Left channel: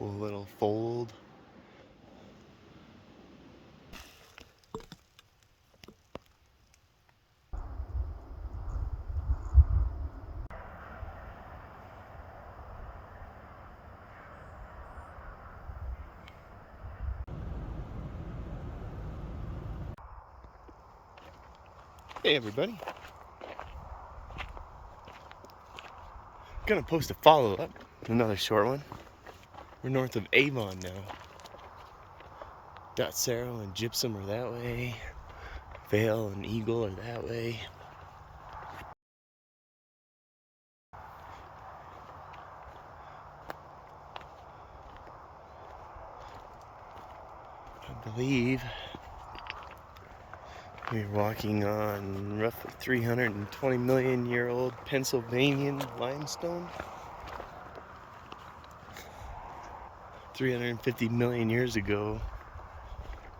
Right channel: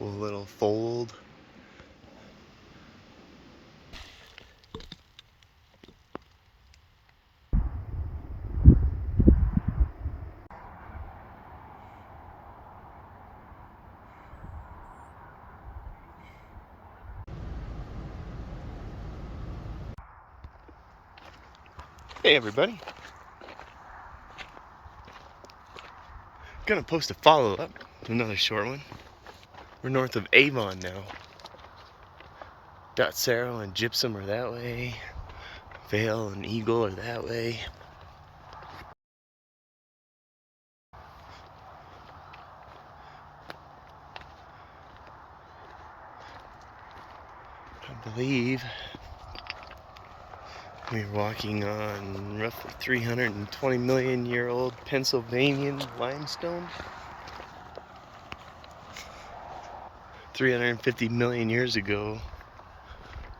Cool little fold. Hey everybody. Gonna post a follow-up, another short one. We're north of Avon now. Dotsero and Gypsum are that way. Vale and Eagle are that way. I believe we're walking on roughly 320 million year old Pennsylvanian limestone. 350 million years ago,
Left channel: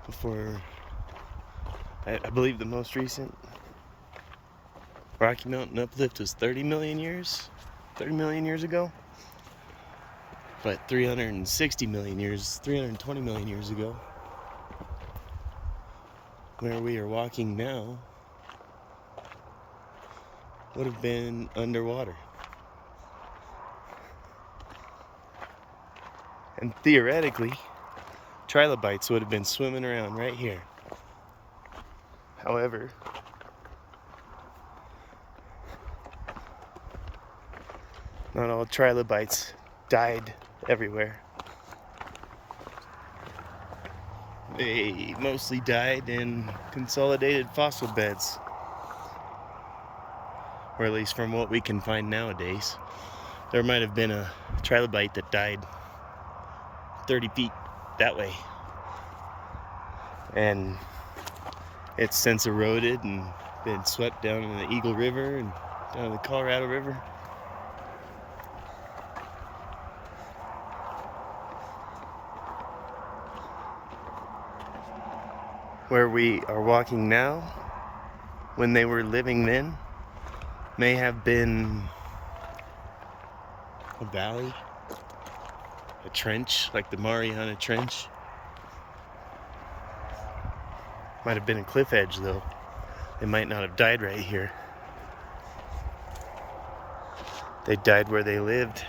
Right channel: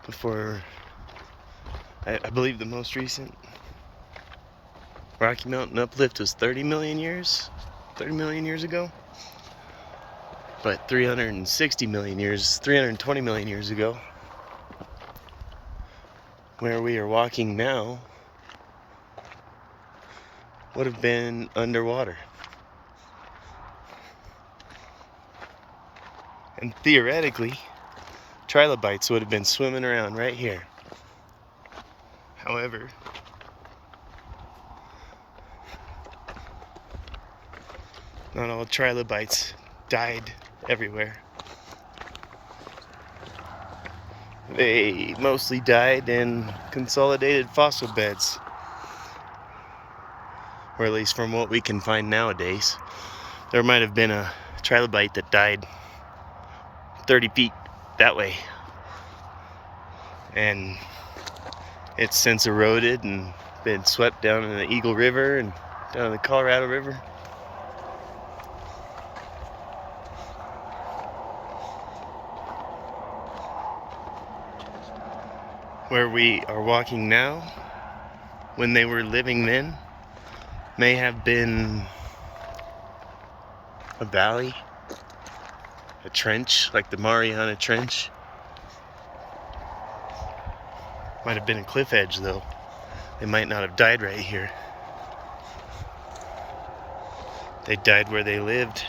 before I believe the most recent Rocky Mountain uplift was 30 million years ago. But 360 million years, 320 million years ago, where we are walking now, would have been underwater. And theoretically, trilobites would have been swimming around right here. However, not all trilobites died everywhere. They mostly died in consolidated fossil beds, or at least from what we can find nowadays. There might have been a trilobite that died 30 feet that way, and it's since eroded and been swept down in the Eagle River and down in the Colorado River. Where we are walking now, when they were living then, may have been a valley, a trench, like the Mariana Trench. Might have been a cliff edge though. They might not have died right here. They died where they lived.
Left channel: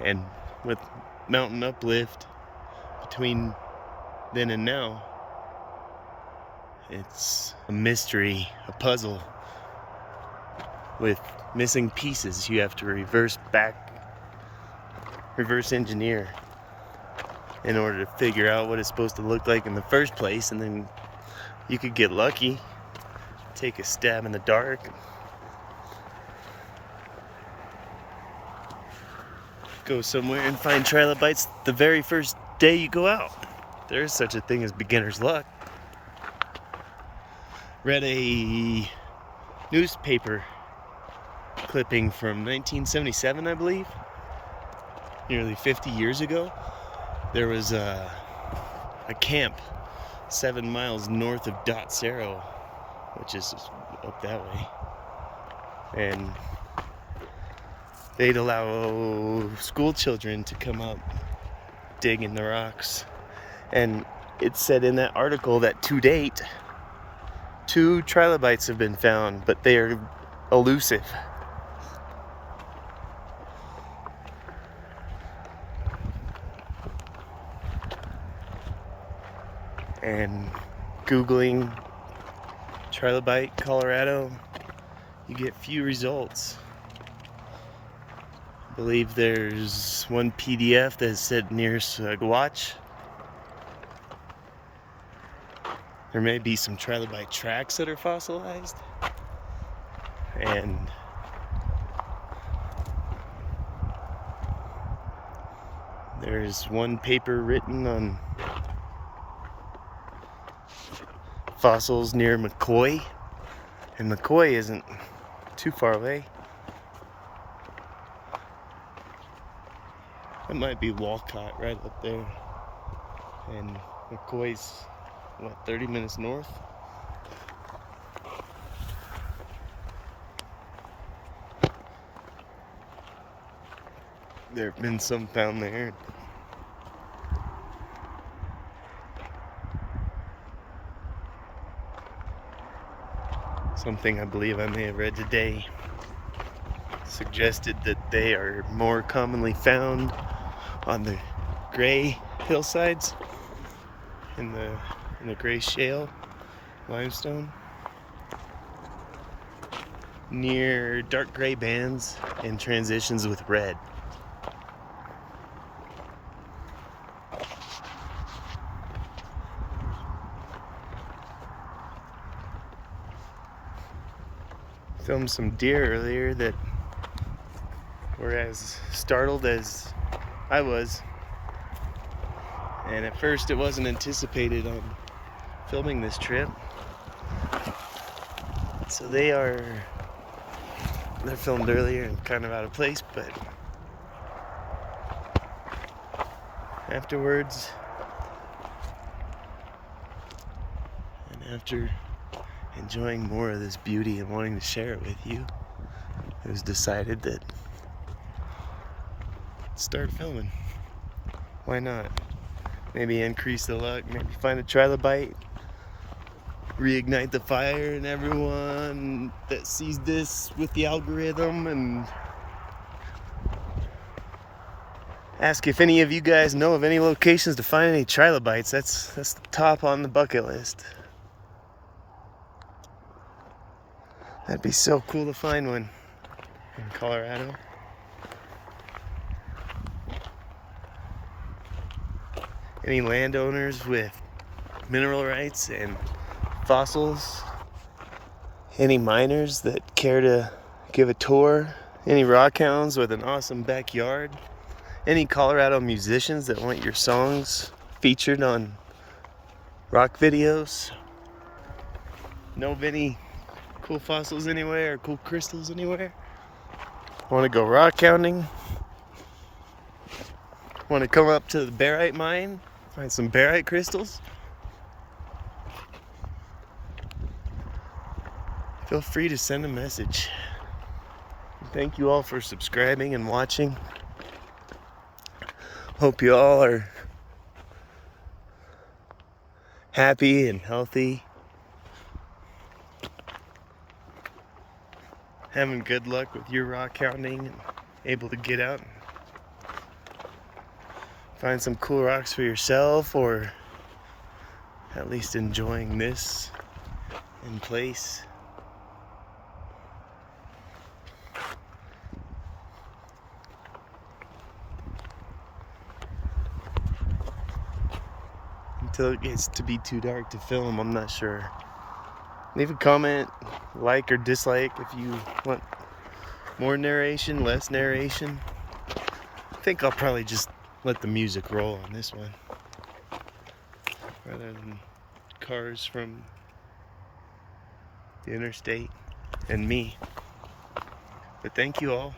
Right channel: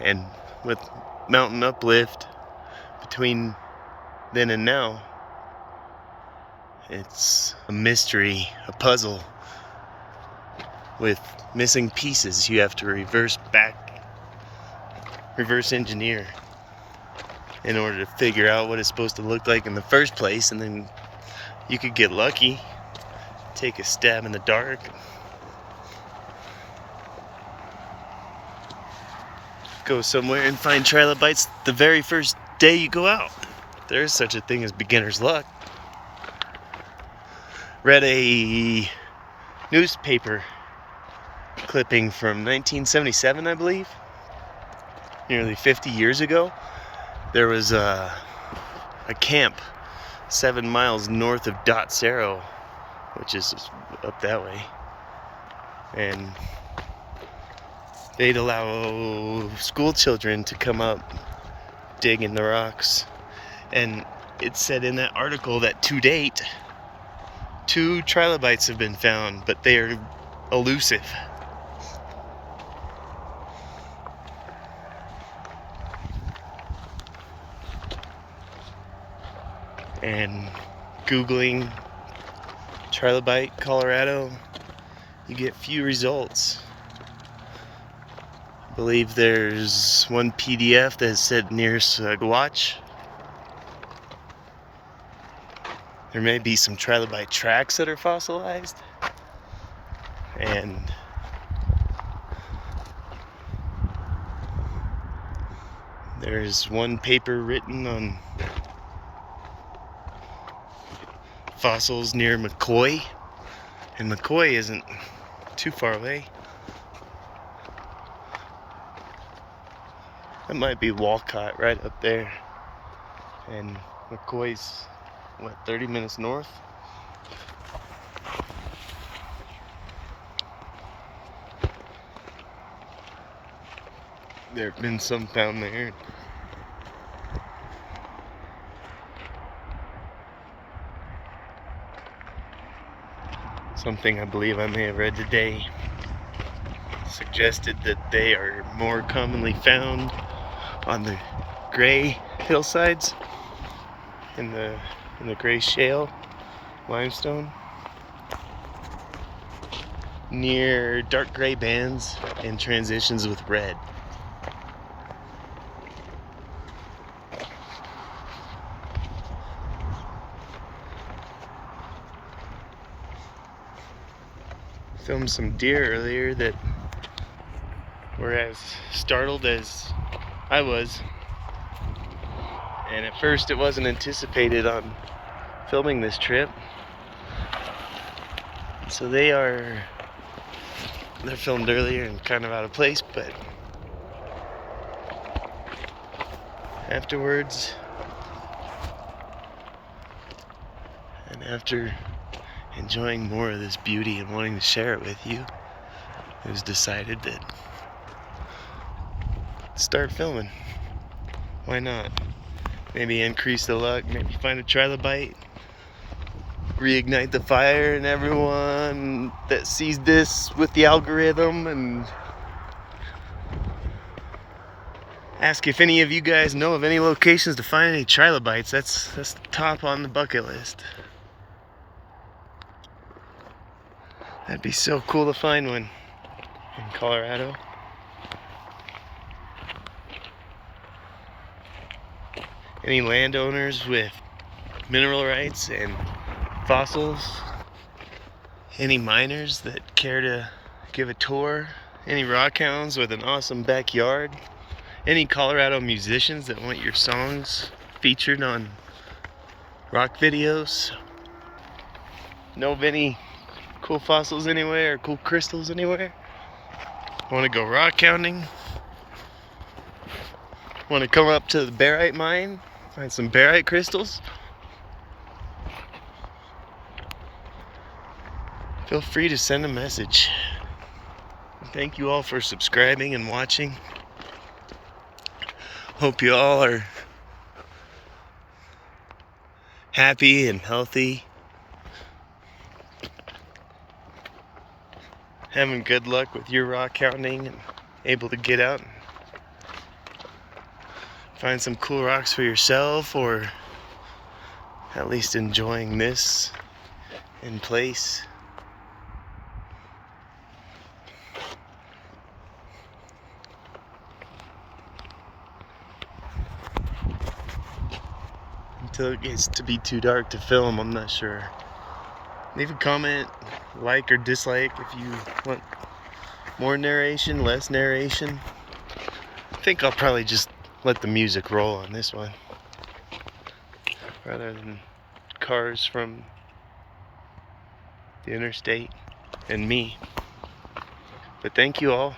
And with mountain uplift between then and now, it's a mystery, a puzzle with missing pieces. You have to reverse engineer in order to figure out what it's supposed to look like in the first place, and then you could get lucky, take a stab in the dark, go somewhere and find trilobites the very first day you go out. There is such a thing as beginner's luck. Read a newspaper clipping from 1977, I believe, nearly 50 years ago. There was a camp 7 miles north of Dotsero, which is up that way, and they'd allow school children to come up, dig in the rocks, and it said in that article that to date 2 trilobites have been found, but they are elusive. And Googling trilobite Colorado, you get few results. I believe there's one PDF that said near Saguach. There may be some trilobite tracks that are fossilized, and there's one paper written on fossils near McCoy, and McCoy isn't too far away. That might be Walcott right up there, and McCoy's what, 30 minutes north? There have been some found there. Something I believe I may have read today suggested that they are more commonly found on the gray hillsides in the gray shale limestone near dark gray bands and transitions with red. Filmed some deer earlier that were as startled as I was, and at first it wasn't anticipated on filming this trip, so they're filmed earlier and kind of out of place, but afterwards and after enjoying more of this beauty and wanting to share it with you, it was decided that start filming. Why not? Maybe increase the luck, maybe find a trilobite, reignite the fire in everyone that sees this with the algorithm, and ask if any of you guys know of any locations to find any trilobites. That's the top on the bucket list. That'd be so cool to find one in Colorado. Any landowners with mineral rights and fossils? Any miners that care to give a tour? Any rockhounds with an awesome backyard? Any Colorado musicians that want your songs featured on rock videos? Know of any cool fossils anywhere or cool crystals anywhere? Want to go rockhounding? Want to come up to the barite mine? Find some barite crystals? Feel free to send a message. Thank you all for subscribing and watching. Hope you all are happy and healthy. Having good luck with your rock hounding and able to get out and find some cool rocks for yourself, or at least enjoying this in place. Until it gets to be too dark to film, I'm not sure. Leave a comment, like or dislike if you want more narration, less narration. I think I'll probably just let the music roll on this one rather than cars from the interstate and me. But thank you all.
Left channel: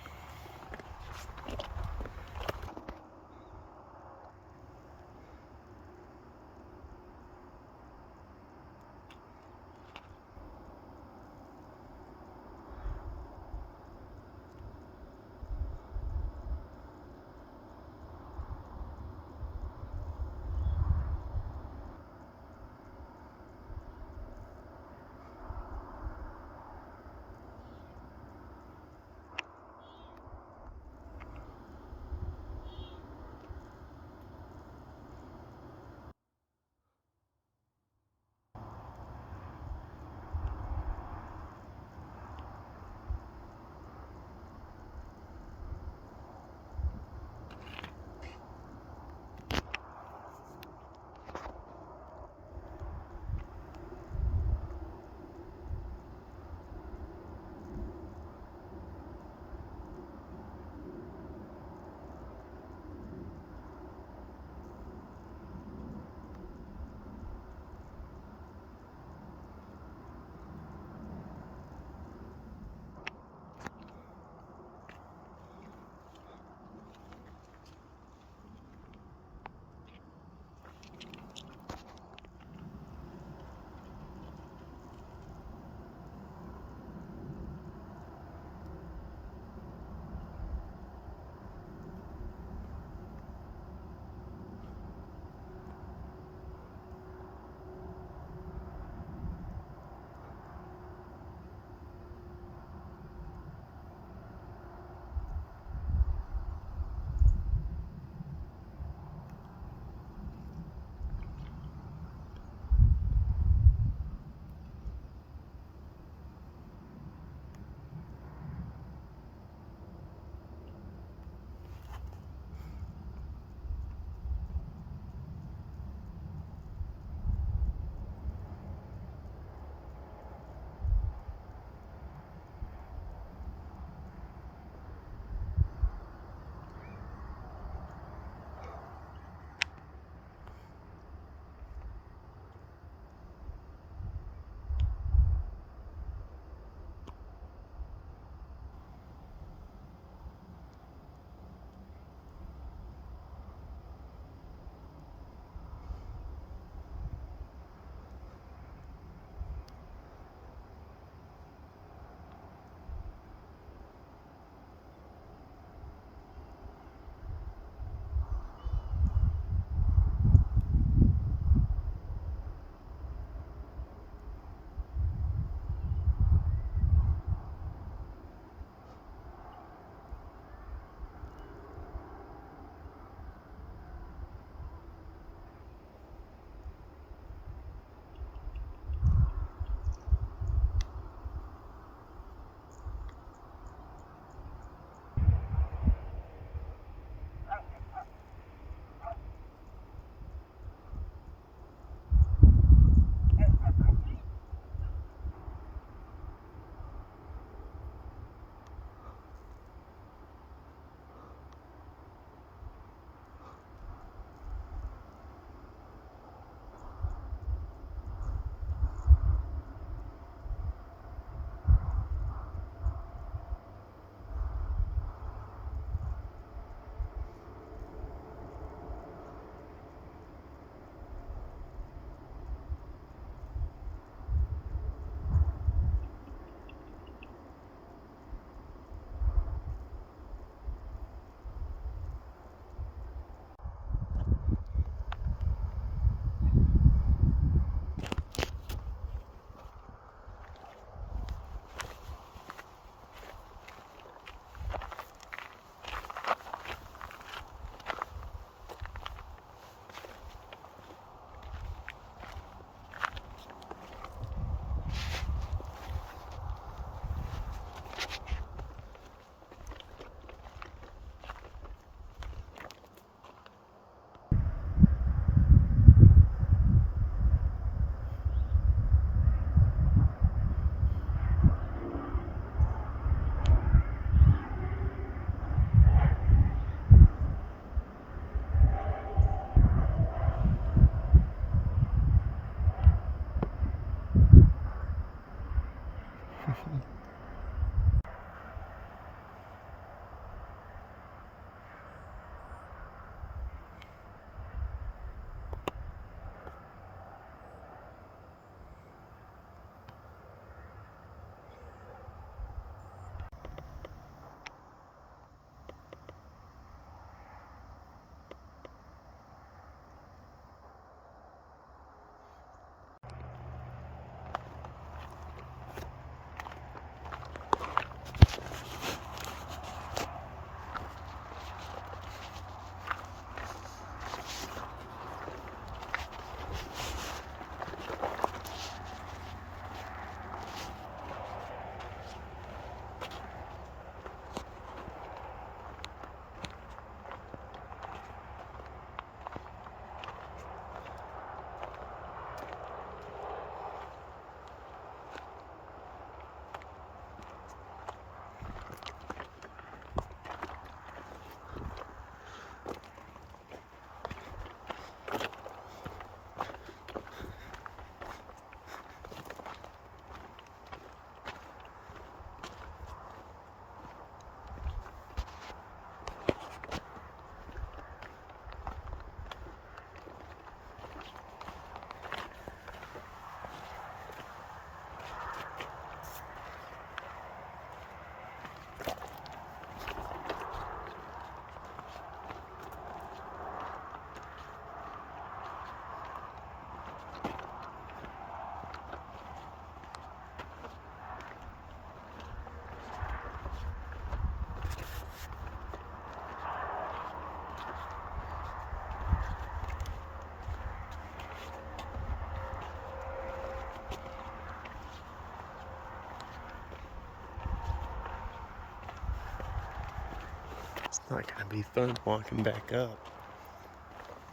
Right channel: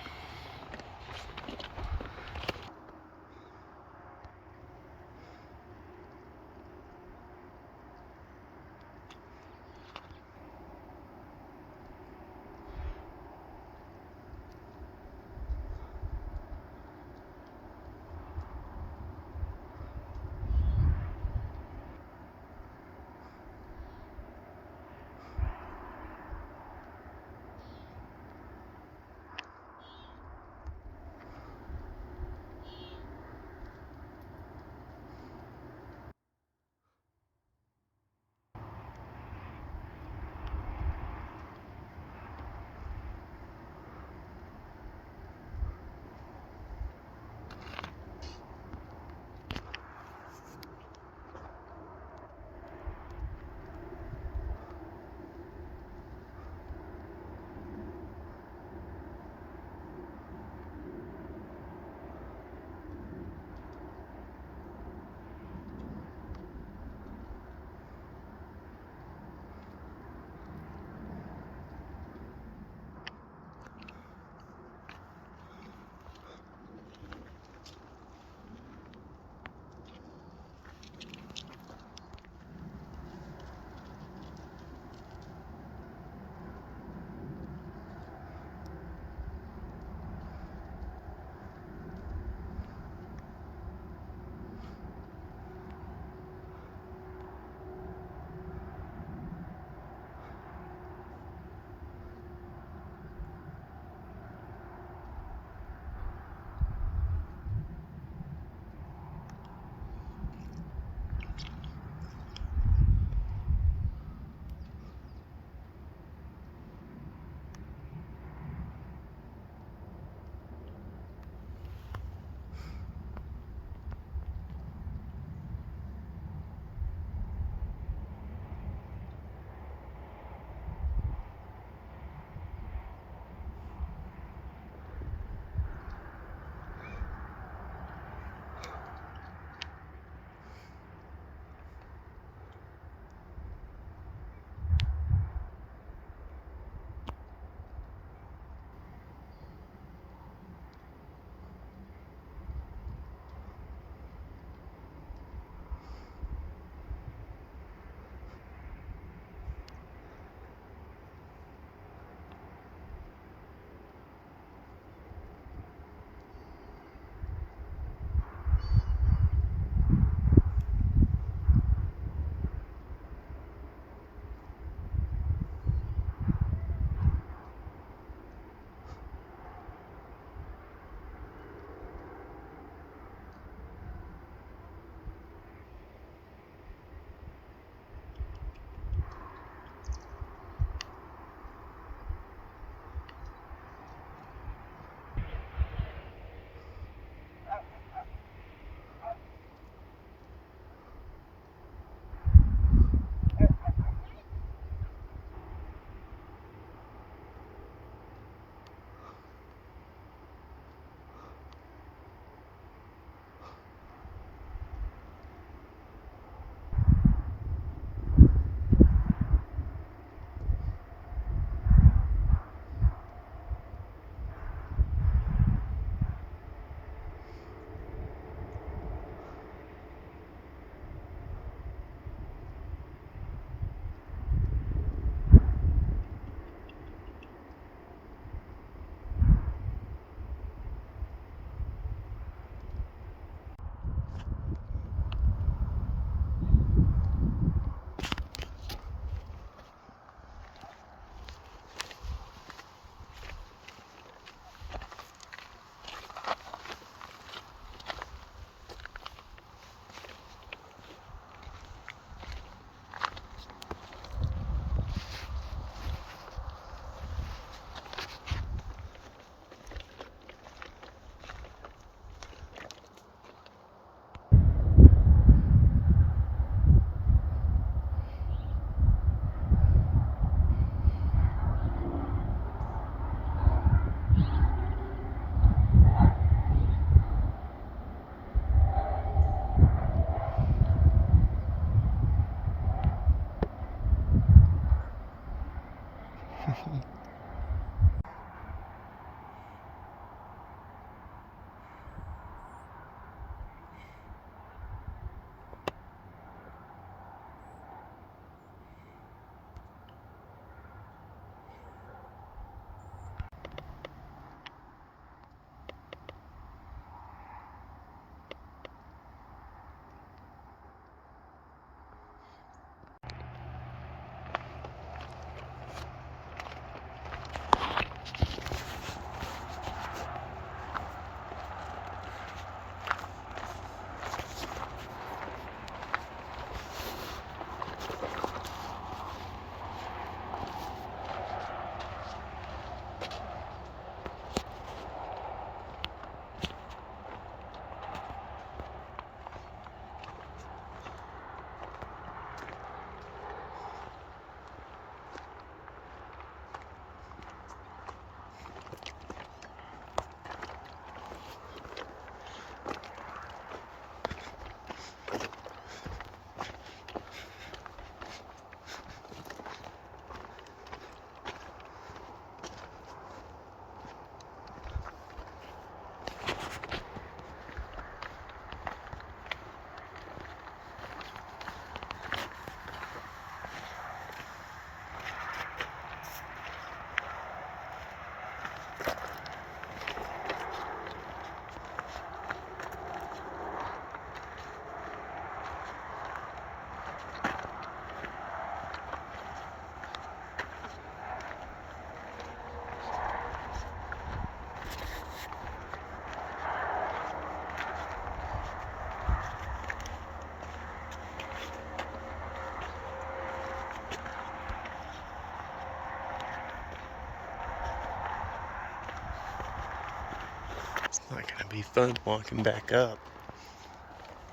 Not gonna be fun walking back up.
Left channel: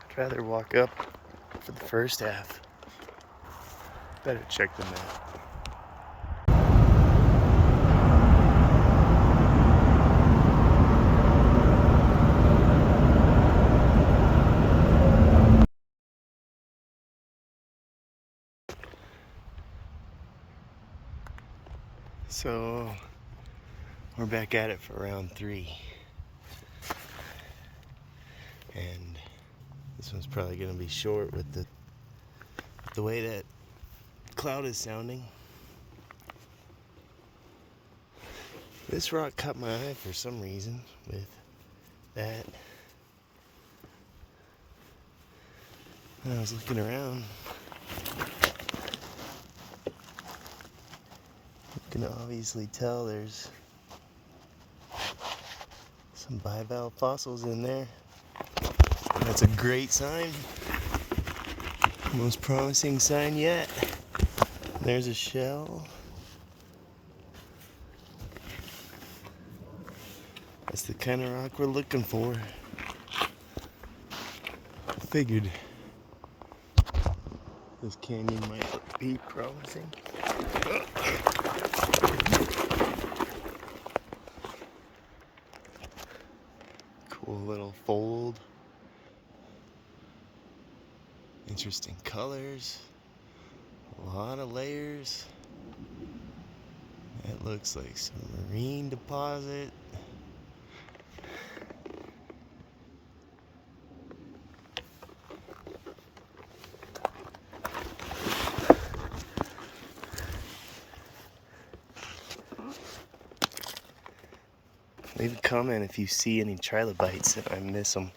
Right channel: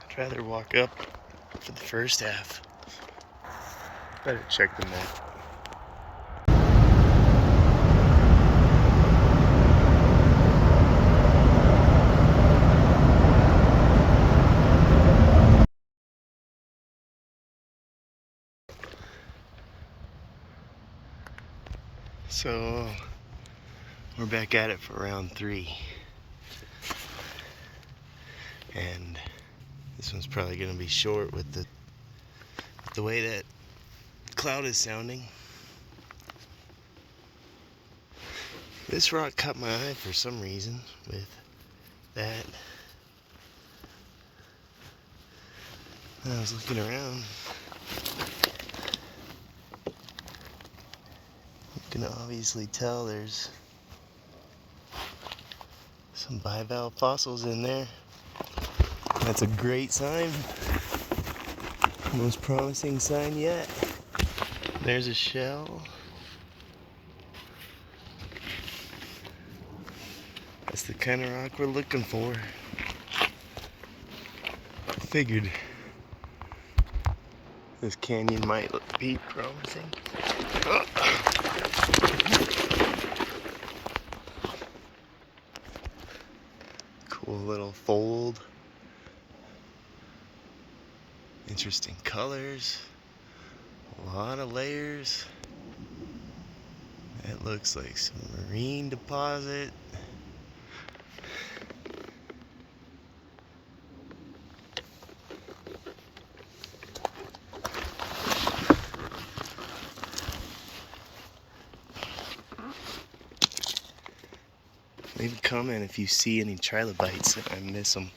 I'd rather walk up for the first half. Better check the map. So we're back at it for round 3. And this one's probably gonna be short with the way that cloud is sounding. This rock caught my eye for some reason with that. I was looking around. You can obviously tell there's some bivalve fossils in there. That's a great sign. Most promising sign yet. There's a shell. That's the kind of rock we're looking for. Figured this canyon might be promising. Cool little fold. Interesting colors. A lot of layers. That looks like some marine deposit. Leave a comment if you see any trilobites and I miss them.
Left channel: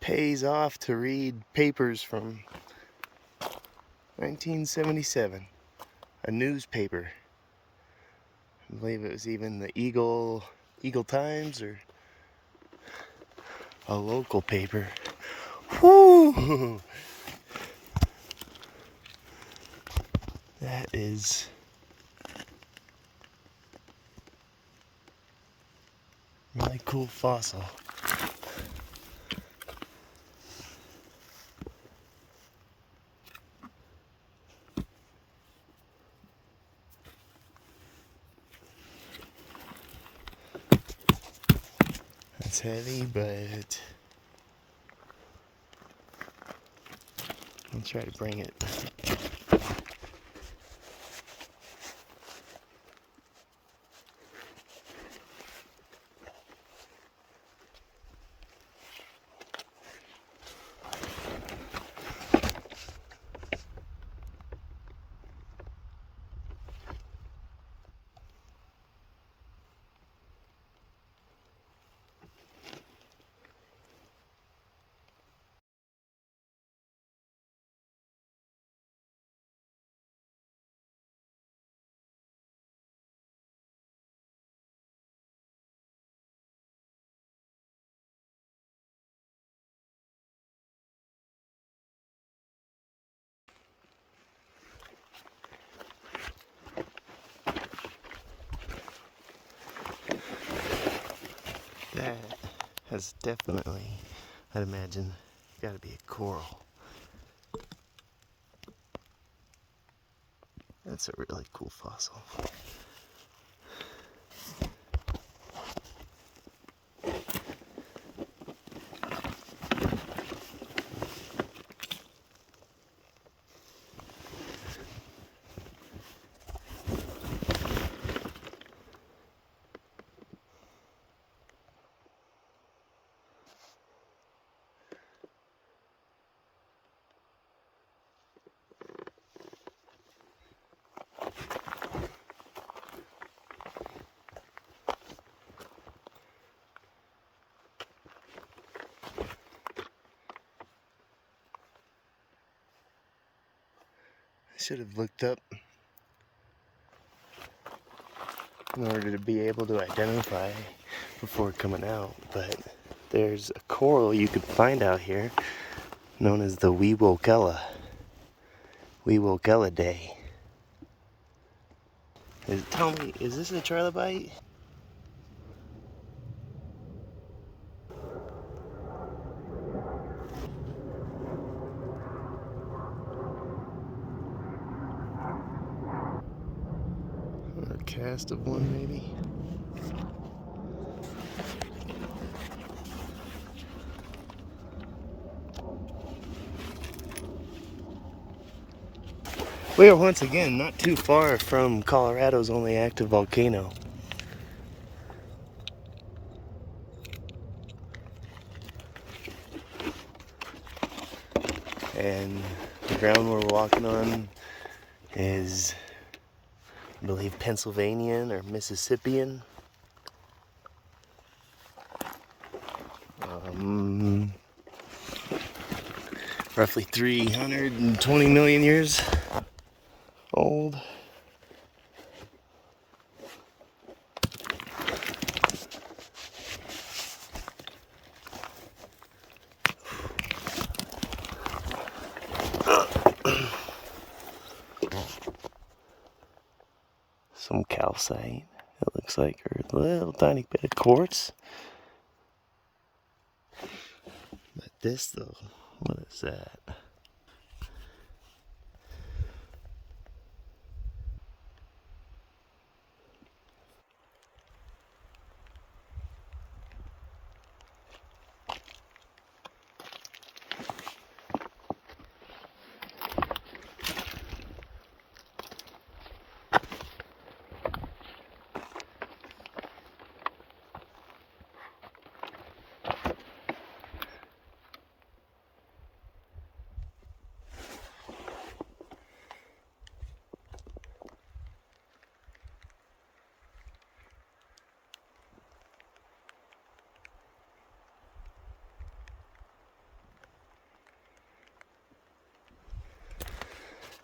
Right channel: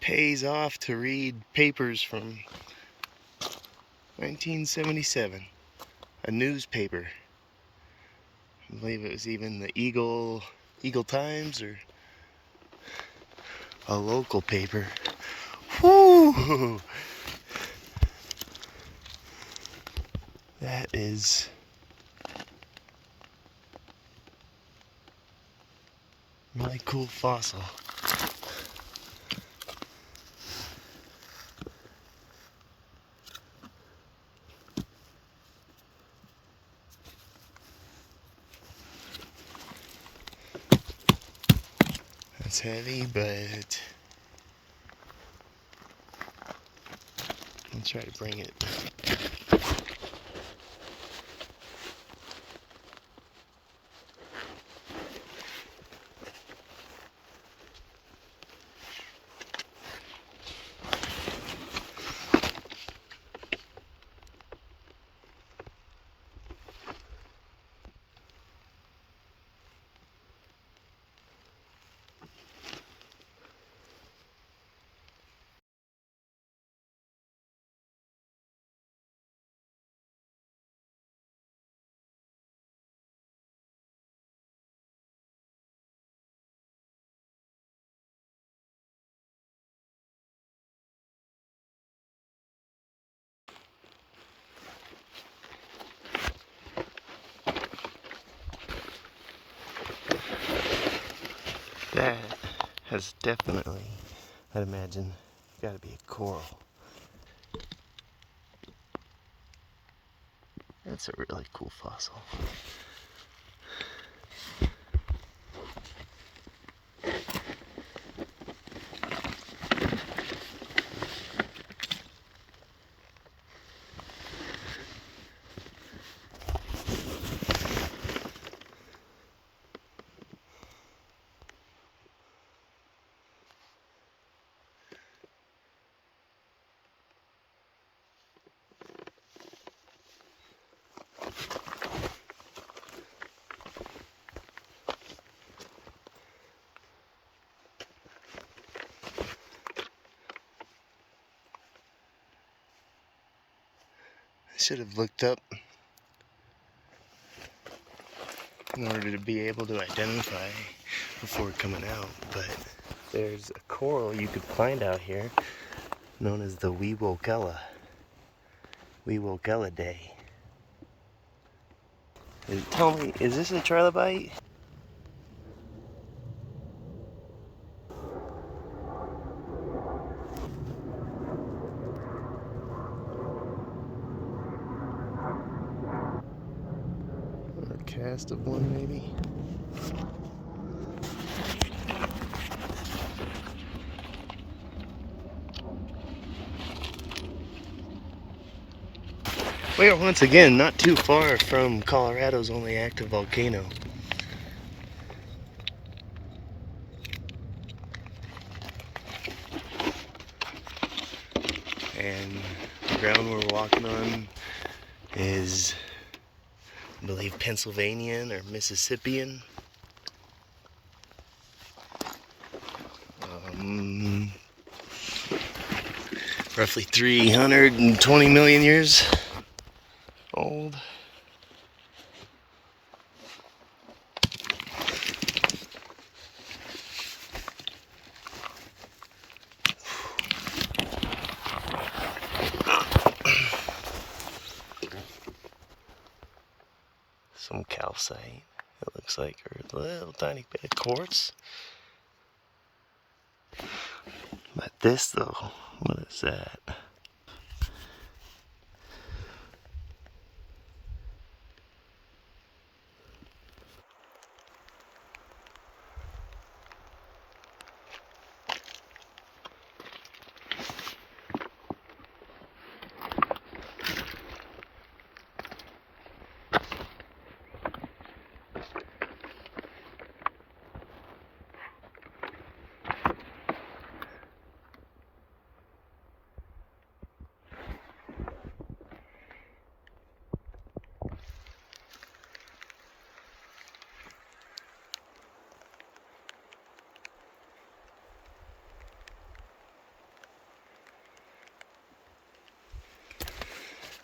Pays off to read papers from 1977. A newspaper. I believe it was even the Eagle Times or a local paper. Whoo! That is really cool fossil. It's heavy, but I'll try to bring it. That has definitely, I'd imagine, got to be a coral. That's a really cool fossil. I should have looked up in order to be able to identify before coming out, but there's a coral you could find out here known as the Weewokella Day. Tell me, is this a trilobite? Or a cast of one, maybe? We are once again not too far from Colorado's only active volcano. And the ground we're walking on is, I believe, Pennsylvanian or Mississippian. Roughly 320 million years old. Some calcite, it looks like, or a little tiny bit of quartz. But this, though, what is that?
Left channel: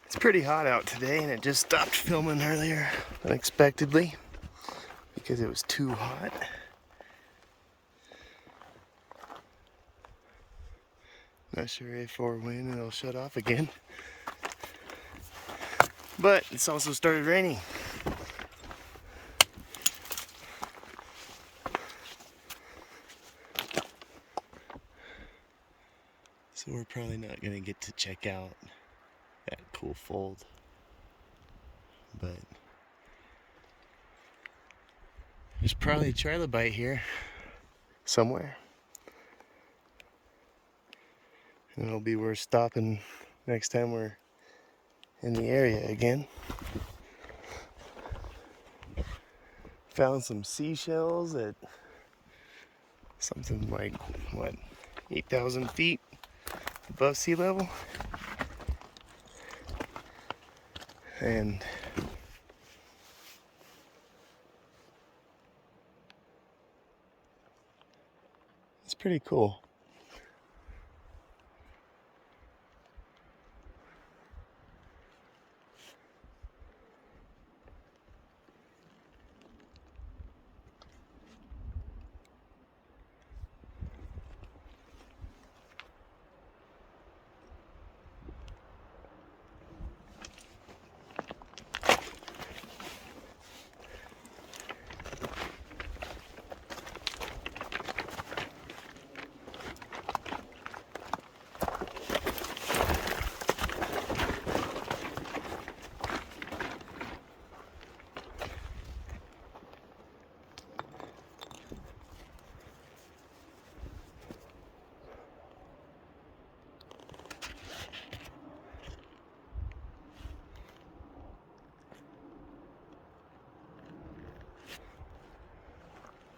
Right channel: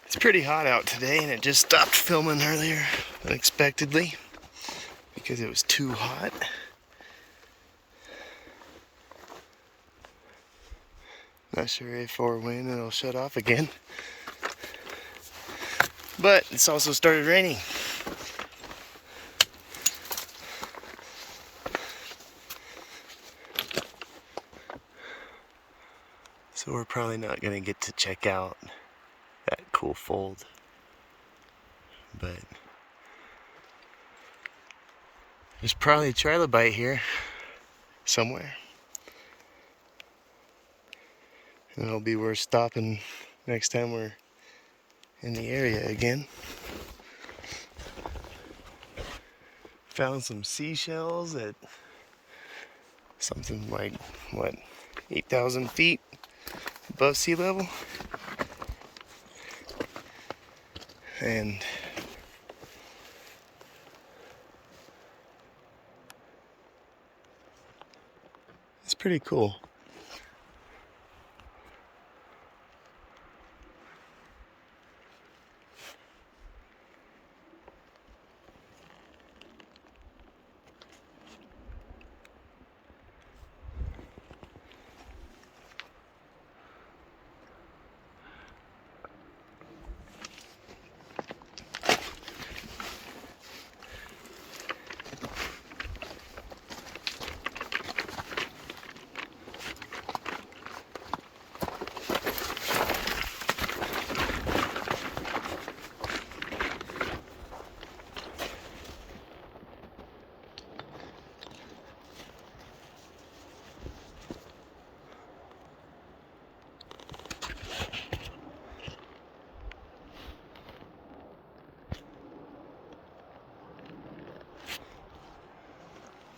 It's pretty hot out today, and it just stopped filming earlier unexpectedly because it was too hot. Not sure if or when it'll shut off again. But it's also started raining. So we're probably not gonna get to check out that cool fold. But there's probably a trilobite here somewhere. And it'll be worth stopping next time we're in the area again. Found some seashells at something like, what, 8,000 feet above sea level. And it's pretty cool.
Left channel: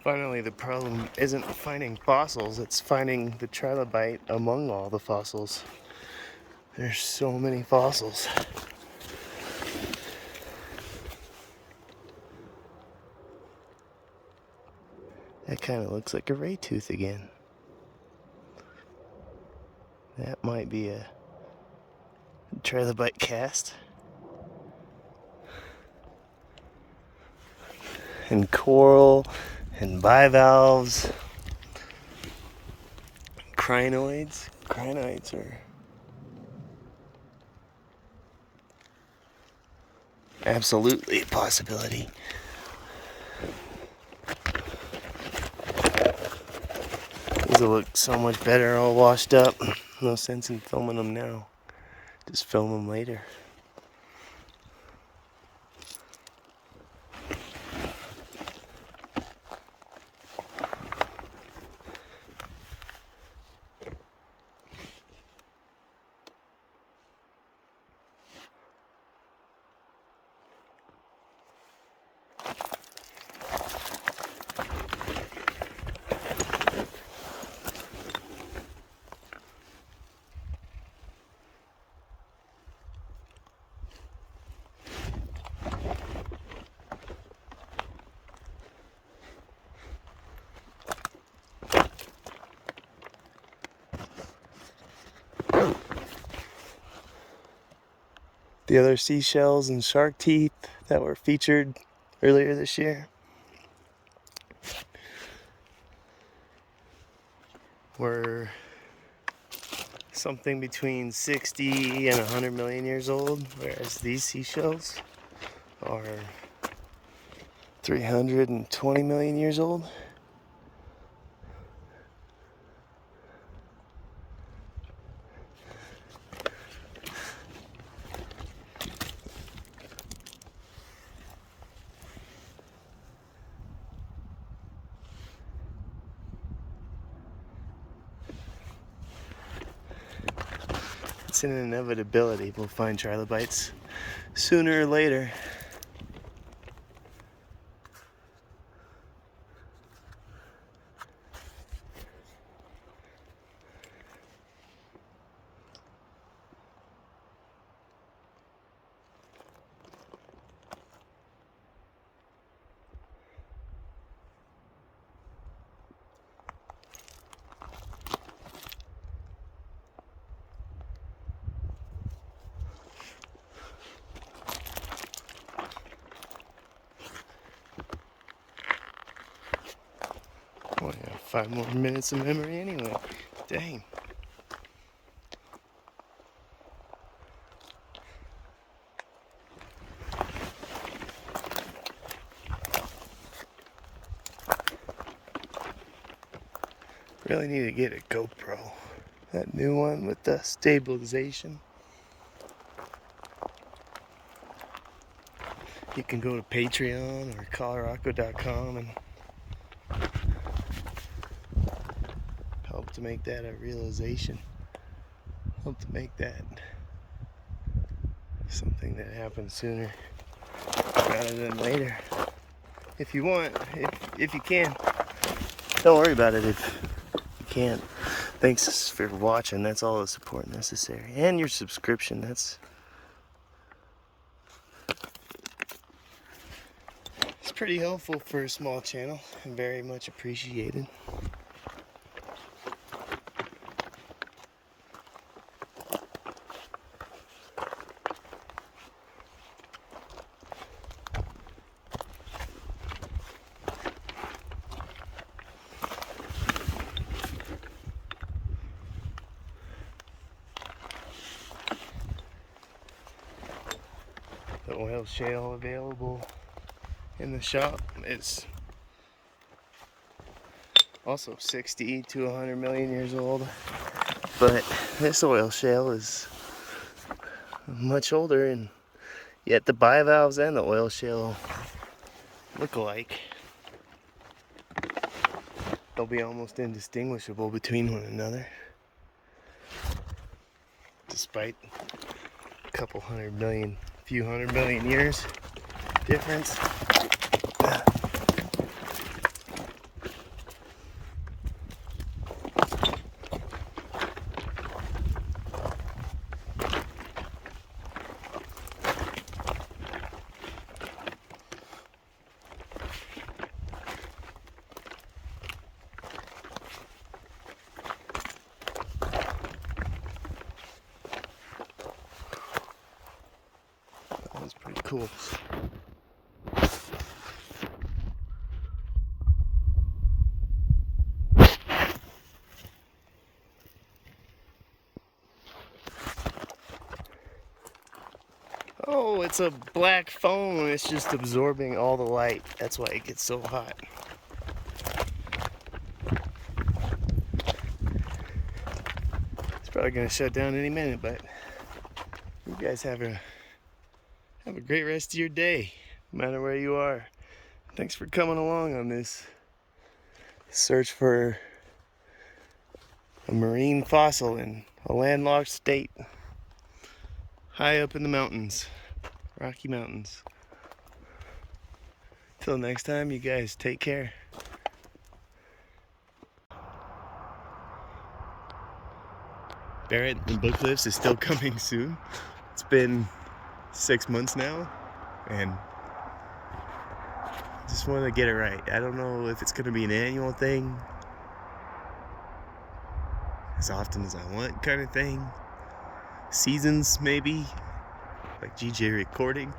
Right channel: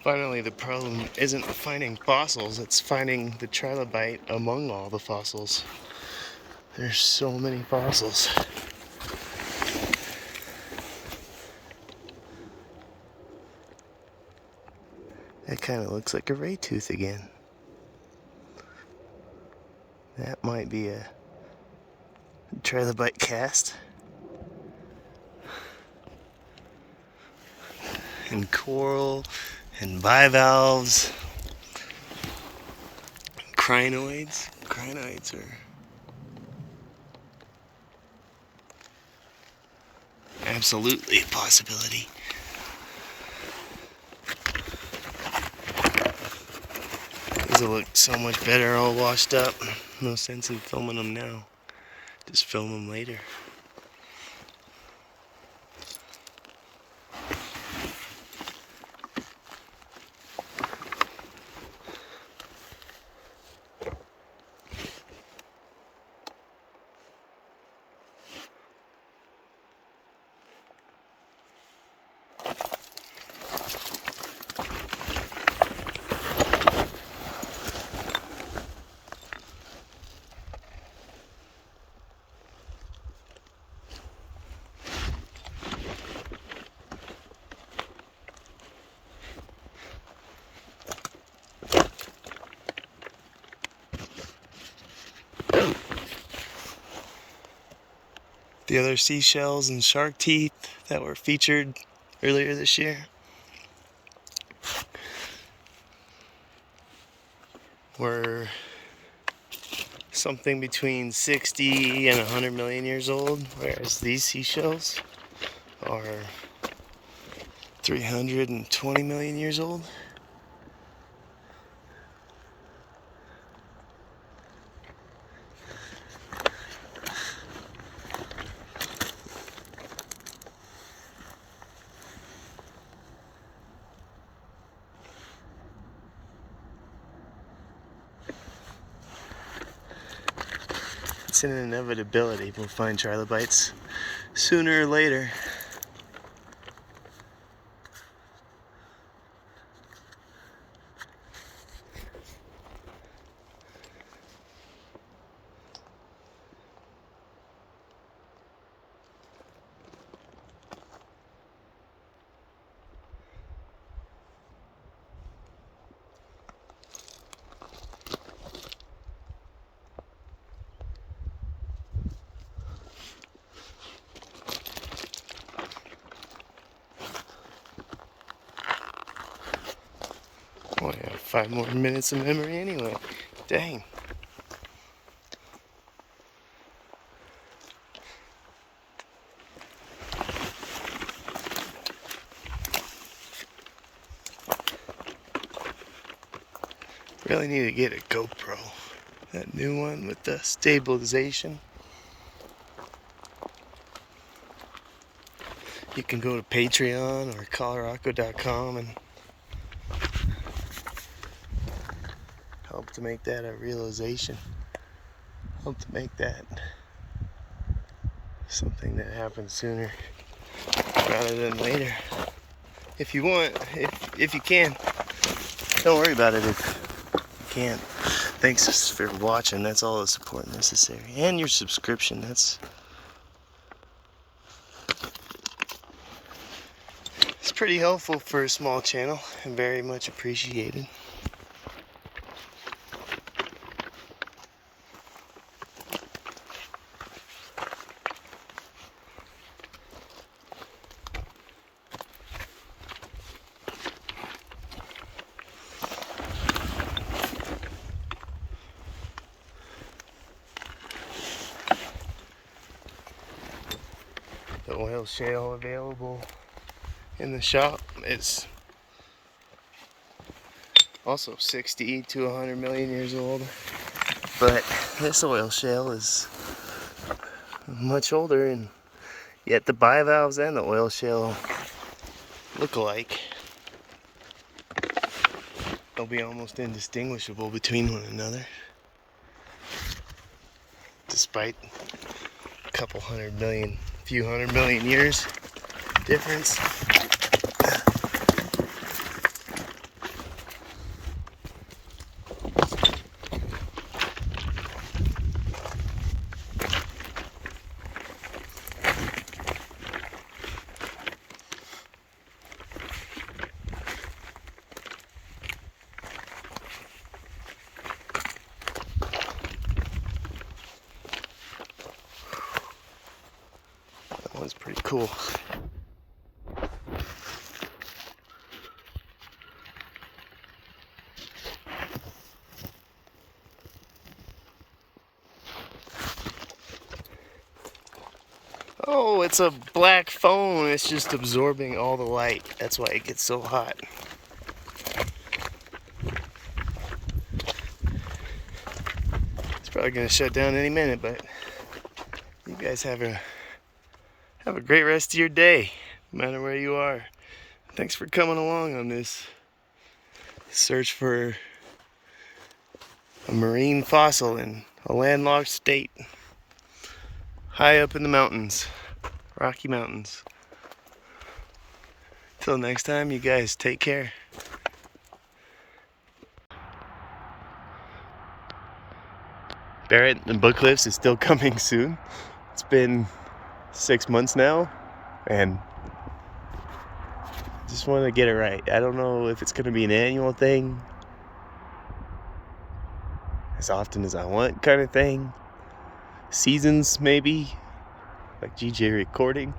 Finally, the problem isn't finding fossils, it's finding the trilobite among all the fossils. There's so many fossils. That kind of looks like a ray tooth again. That might be a trilobite cast. And coral and bivalves, crinoids. granites are absolutely a possibility. These will look so much better all washed up. No sense in filming them now. Just film them later. The other seashells and shark teeth that were featured earlier this year were something between 60 and 100 million years old, whereas these seashells are 320 million years old. It's an inevitability. We'll find trilobites sooner or later. Oh yeah, 5 more minutes of memory anyway. Dang. Really need to get a GoPro. That new one with the stabilization. You can go to Patreon or ColoRockCo.com and help to make that a realization. Help to make that something that happens sooner rather than later. If you want, if you can. Don't worry about it if you can't. Thanks for watching. That's all the support necessary. And your subscription. It's pretty helpful for a small channel and very much appreciated. The oil shale available in the shop is also 60 to 100 million years old, but this oil shale is much older, and yet the bivalves and the oil shale look alike. They'll be almost indistinguishable between one another, despite a couple few hundred million years difference. That one's pretty cool. Oh, it's a black phone. It's just absorbing all the light. That's why it gets so hot. It's probably gonna shut down any minute, but you guys have a great rest of your day, no matter where you are. Thanks for coming along on this search for a marine fossil in a landlocked state, high up in the mountains, Rocky Mountains. Till next time, you guys take care. Barrett and Book Cliffs is still coming soon. It's been 6 months now, and just want to get it right. I don't know if it's going to be an annual thing, as often as I want kind of thing. Seasons maybe, like GJ recording.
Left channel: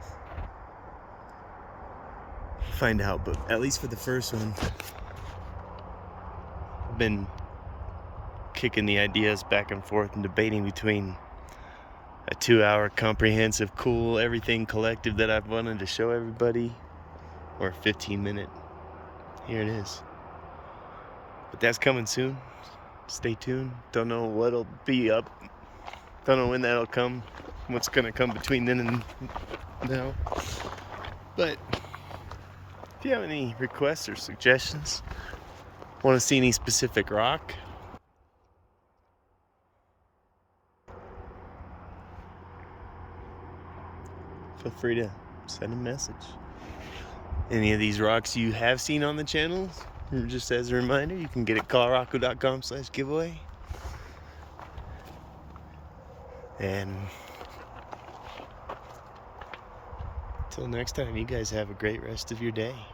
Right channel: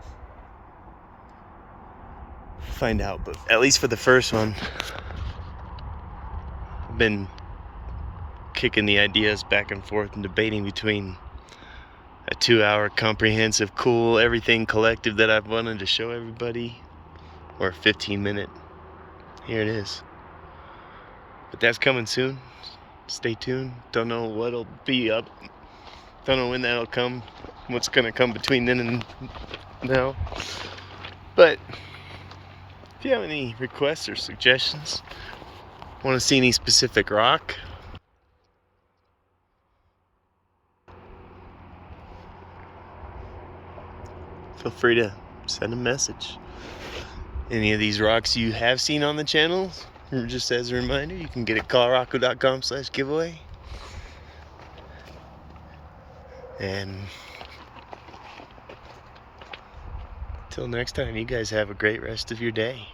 Find out, but at least for the first one, I've been kicking the ideas back and forth and debating between a 2-hour comprehensive, cool, everything collective that I've wanted to show everybody, or a 15-minute. Here it is. But that's coming soon. Stay tuned. Don't know what'll be up. Don't know when that'll come. What's gonna come between then and now. But if you have any requests or suggestions, want to see any specific rock, feel free to send a message. Any of these rocks you have seen on the channel, just as a reminder, you can get it at ColoRockCo.com/giveaway. And till next time, you guys have a great rest of your day.